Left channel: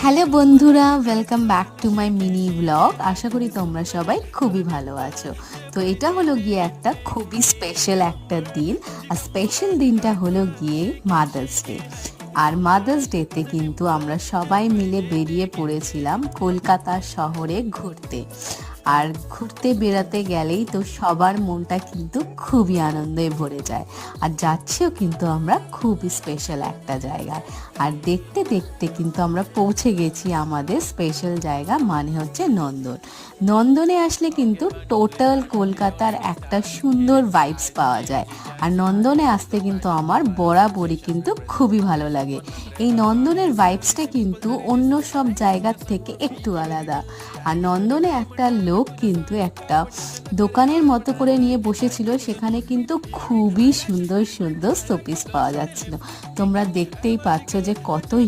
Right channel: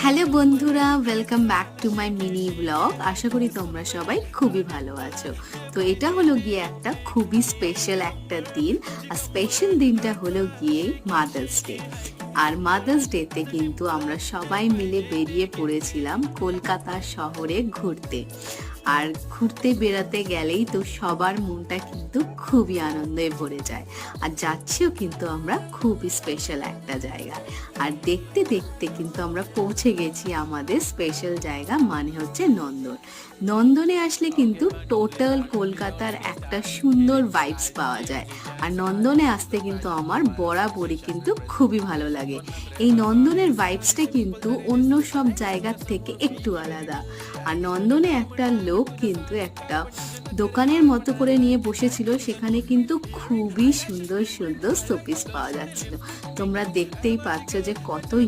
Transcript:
Hello বন্ধুরা, welcome back to my mini blog. আশা করি তোমরা সবাই খুবই ভালো আছো। তো এটা হলো গিয়ে একটা খুবই স্পেশাল একটা দিন। আর স্পেশাল দিনটা হলো গিয়ে মাদার্স ডে। আর মাদার্স ডেতে কিন্তু আমরা সবাই মিলে বেরিয়ে পড়েছিলাম কলকাতা শহরে ঘুরতে। আর ঘুরতে বেড়াতে গেলেই তো সবার মনটা কিন্তু খুবই আনন্দে ভরে যায়। আর যাচ্ছেও কিন্তু আমরা খুবই স্পেশাল একটা জায়গায়। আর দেখতে দেখতে কিন্তু আমরা পৌঁছে গেছি আমাদের স্পেশাল জায়গা, মানে হচ্ছে নন্দন। নন্দনে আসলে কিন্তু টোটাল কলকাতার একটা সুন্দর ভাইবস পাওয়া যায়। আর নন্দনে আসতে কিন্তু আমার বরাবরই কিন্তু খুবই ভালো লাগে। এই নন্দনের ভাইবসটা কিন্তু অন্য সব জায়গার থেকে একটু আলাদা। আর নন্দনে একটা লোক কিন্তু একটা দোকানের মতো করে নিয়ে বসেছিল, সেখানে কিন্তু খুবই সুন্দর সুন্দর শোপিস পাওয়া যাচ্ছিল। তোমরা দেখতেই পাচ্ছ যে কত